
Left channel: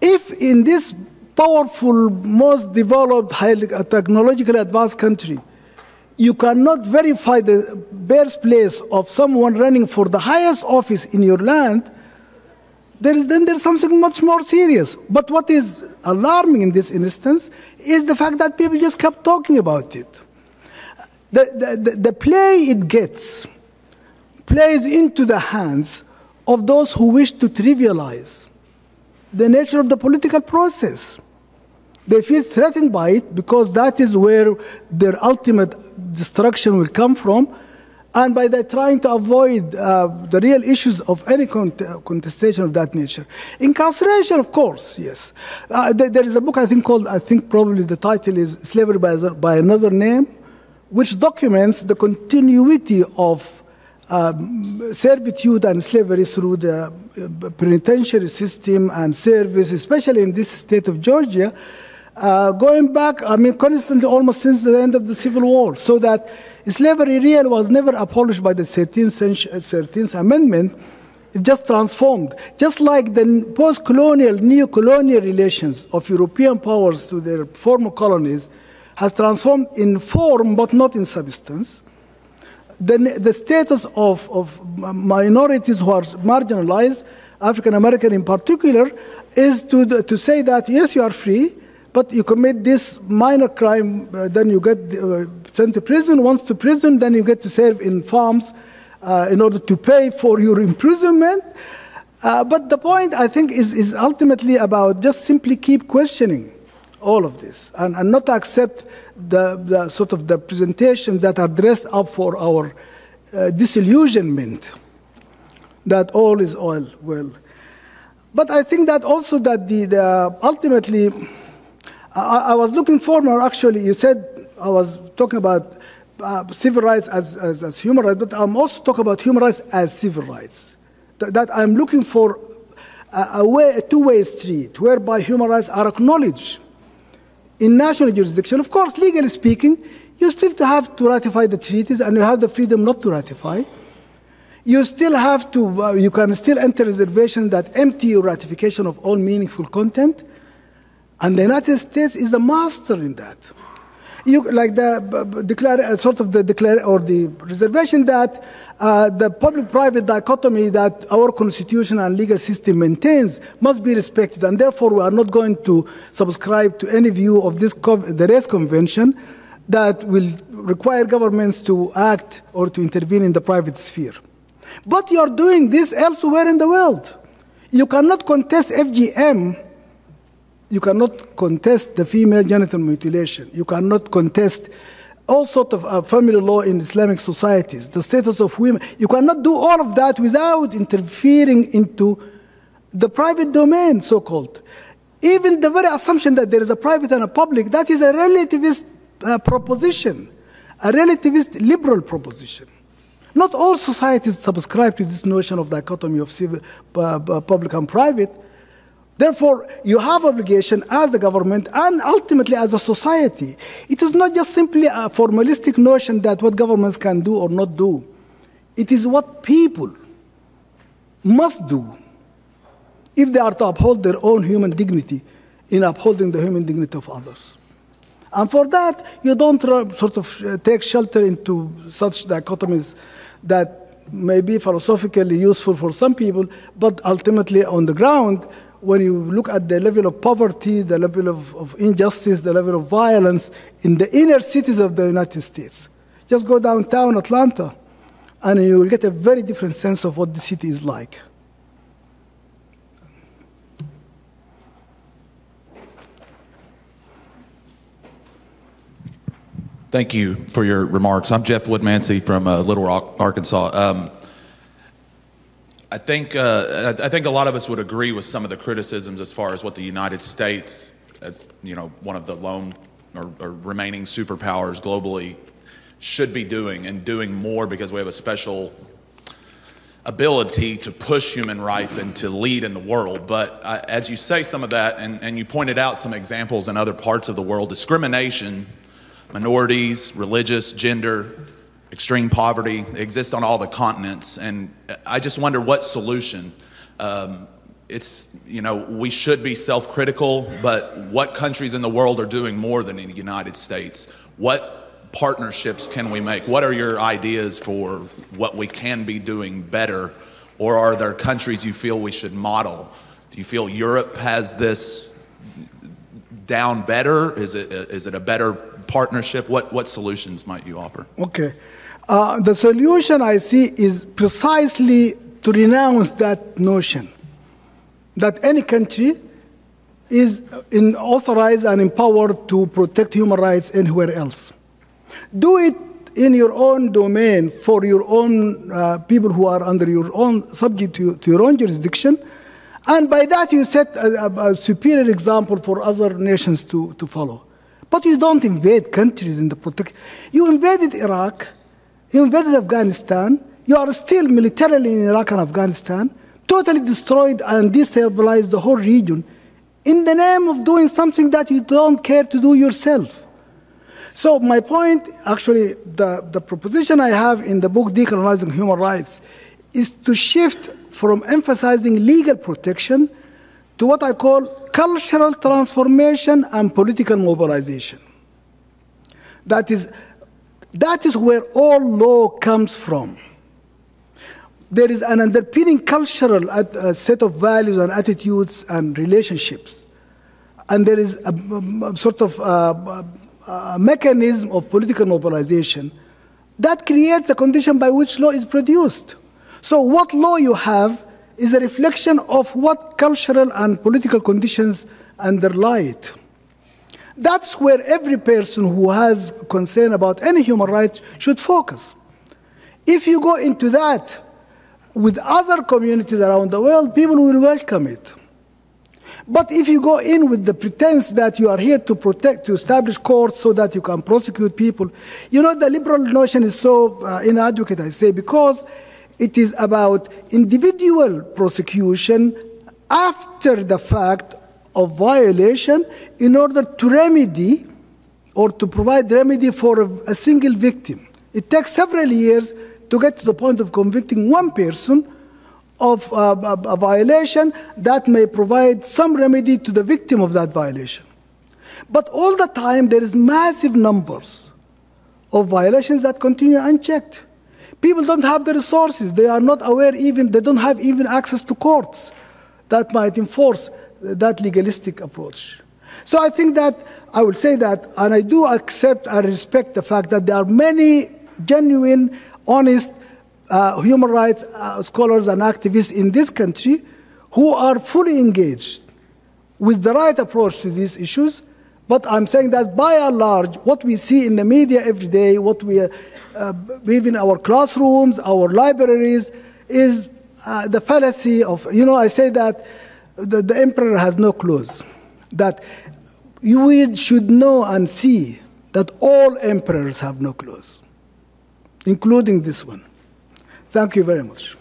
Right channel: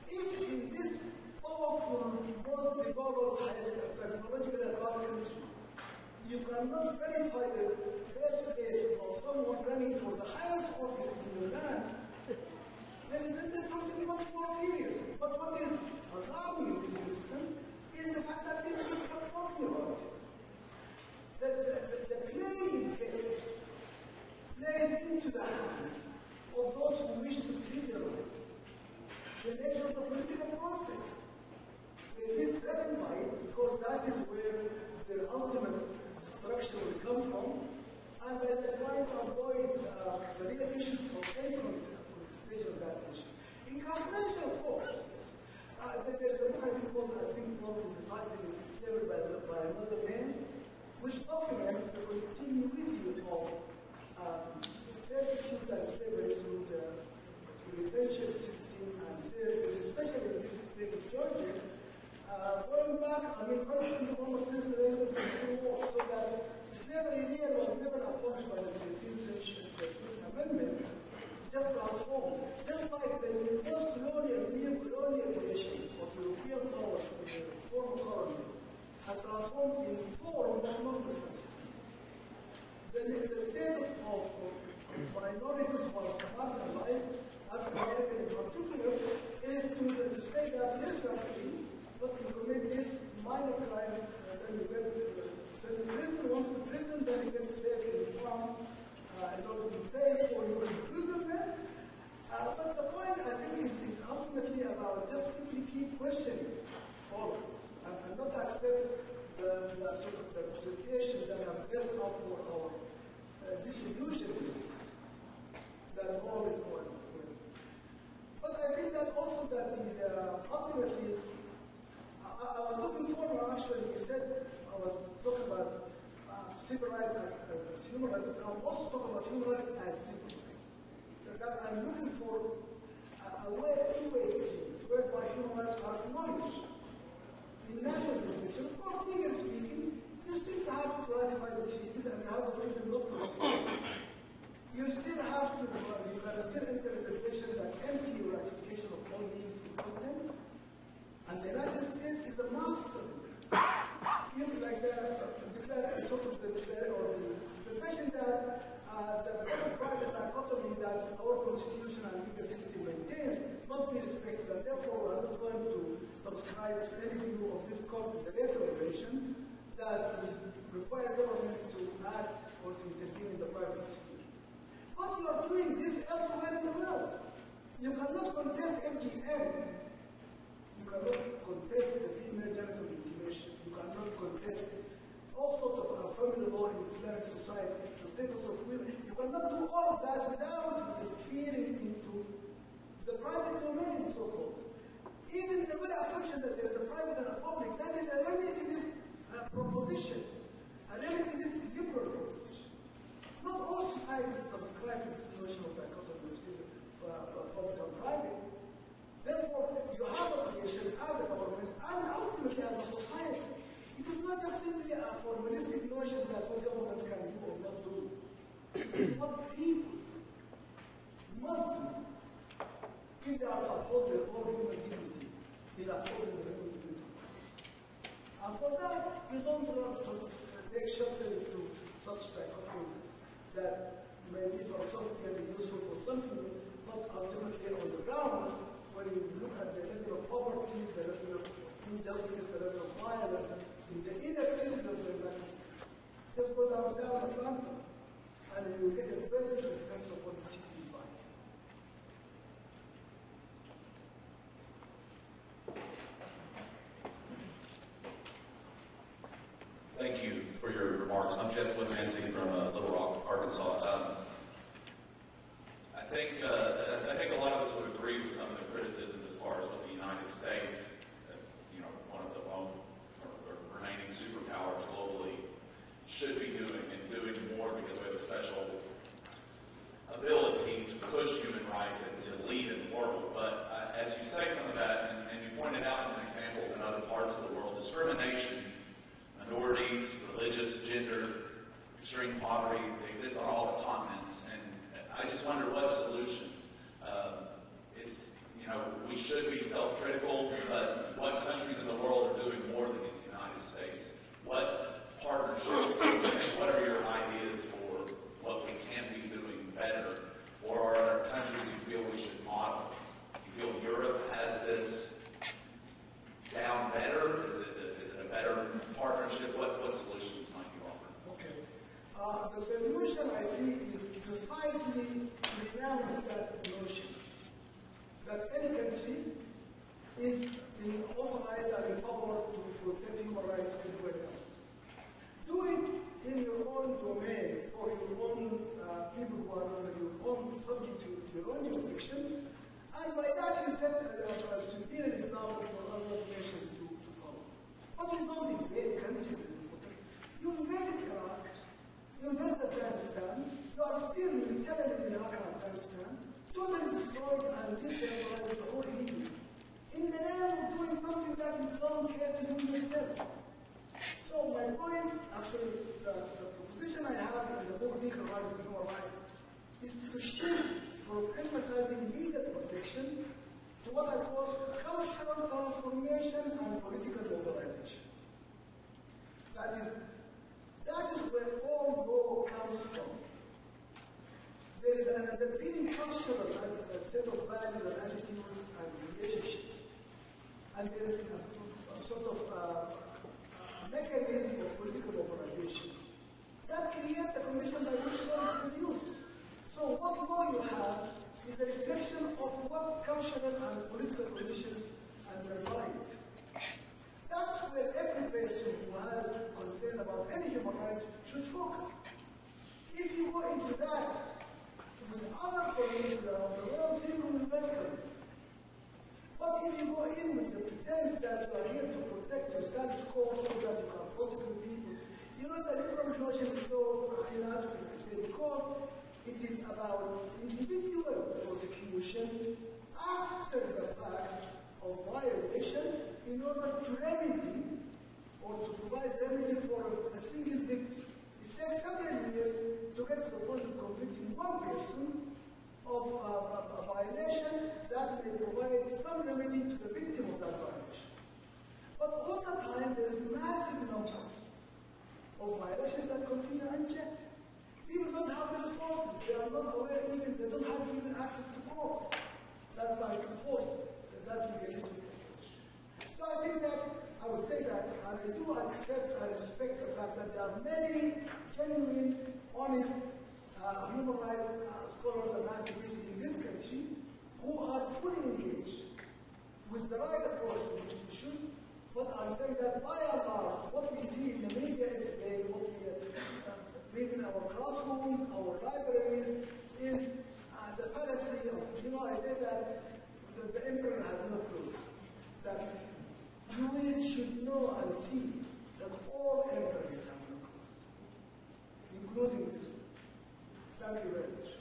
If in this powerful, most developed, highly technologically advanced country, you cannot verify the birthplace of someone running for the highest office in your land, there's something much more serious. But what is alarming in this instance is the fact that people just kept talking about it. The play it gets plays into the hands of those who wish to trivialize the nature of the political process. They feel threatened by it because that is where their ultimate destruction will come from, and by that trying to avoid the real issues of any contestation of that nature. Incarceration, of course, yes. There is a book I think called, probably the title is Slavery by Another Name, which documents the continuity of servitude and slavery through the penitentiary system and service, especially in this state of Georgia, going back, constantly, almost since the end of the Civil War, so that slavery really was never abolished by the 13th Amendment. It just transformed. Just like the post-colonial, neo-colonial relations of European powers to their former colonies has transformed in form but not in substance. the status of minorities who are marginalized, African American in particular, is to say that, yes, you are free, but you commit this minor crime, then you get sent to prison. Once to prison, then you get to serve in farms in order to pay for your imprisonment. But the point, I think, is ultimately about just simply keep questioning all of this and not accept the sort of the presentations that are dressed up for our disillusionment that all is all well. But I think that also that ultimately, I was looking forward, actually, you said I was talking about civil rights as human rights, but I'm also talking about human rights as civil rights. That I'm looking for a two-way street whereby human rights are acknowledged in national jurisdiction. Of course, legally speaking, you still have to ratify the treaties and you have the freedom not to ratify. You still have to, you can still enter reservations that empty your ratification of all meaningful content. And the United States is a master in that. Like the reservation that the public-private dichotomy that our constitution and legal system maintains must be respected, and therefore we are not going to subscribe to any view of the race convention that will require governments to act or to intervene in the private sphere. But you're doing this elsewhere in the world. You cannot contest FGM. You cannot contest the female genital mutilation. You cannot contest all sorts of family law in Islamic societies, the status of women. You cannot do all of that without interfering into the private domain, so-called. Even the very assumption that there is a private and a public, that is a relativist proposition, a relativist liberal proposition. Not all societies subscribe to this notion of dichotomy of civil, public and private. Therefore, you have obligation as the government and ultimately as a society. It is not just simply a formalistic notion that what governments can do or not do. It is what people must do if they are to uphold their own human dignity in upholding the human dignity of others. And for that, you don't sort of take shelter into such dichotomies that may be philosophically useful for some people, but ultimately on the ground, when you look at the level of poverty, the level of injustice, the level of violence in the inner cities of the United States, just go downtown Atlanta, and you will get a very different sense of what the city is like. Thank you for your remarks. I'm Jeff Woodmansey from Little Rock, Arkansas. I think a lot of us would agree with some of the criticisms as far as what the United States, as one of the lone or remaining superpowers globally, should be doing, and doing more because we have a special ability to push human rights and to lead in the world. But as you say some of that, and you pointed out some examples in other parts of the world, discrimination, minorities, religious, gender, extreme poverty exist on all the continents, and I just wonder what solution. We should be self-critical, but what countries in the world are doing more than the United States? What partnerships can we make? What are your ideas for what we can be doing better? Or are there countries you feel we should model? Do you feel Europe has this down better? Is it a better partnership? What solutions might you offer? Okay. The solution I see is precisely to renounce that notion that any country is authorized and empowered to protect human rights anywhere else. Do it in your own domain for your own people who are under your own, subject to your own jurisdiction, and by that you set a superior example for other nations to follow. But you don't invade countries in the protection. You invaded Iraq, you invaded Afghanistan, you are still militarily in Iraq and Afghanistan, totally destroyed and destabilized the whole region in the name of doing something that you don't care to do yourself. So my point, actually, the proposition I have in the book, Decolonizing Human Rights, is to shift from emphasizing legal protection to what I call cultural transformation and political mobilization. That is, That is where all law comes from. There is an underpinning cultural set of values and attitudes and relationships. And there is a sort of a mechanism of political mobilization that creates a condition by which law is produced. So what law you have is a reflection of what cultural and political conditions underlie it. That's where every person who has concern about any human rights should focus. If you go into that with other communities around the world, people will welcome it. But if you go in with the pretense that you are here to protect, to establish courts so that you can prosecute people, you know, the liberal notion is so inadequate, I say, because it is about individual prosecution after the fact of violation in order to remedy or to provide remedy for a single victim. It takes several years to get to the point of convicting one person of a violation that may provide some remedy to the victim of that violation. But all the time, there is massive numbers of violations that continue unchecked. People don't have the resources. They are not aware even, they don't have even access to courts that might enforce that legalistic approach. So I think that, I would say that, and I do accept and respect the fact that there are many genuine, honest human rights scholars and activists in this country who are fully engaged with the right approach to these issues. But I'm saying that by and large, what we see in the media every day, what we even our classrooms, our libraries, is the fallacy of, you know, I say that the emperor has no clothes. That you should know and see that all emperors have no clothes, including this one. Thank you very much.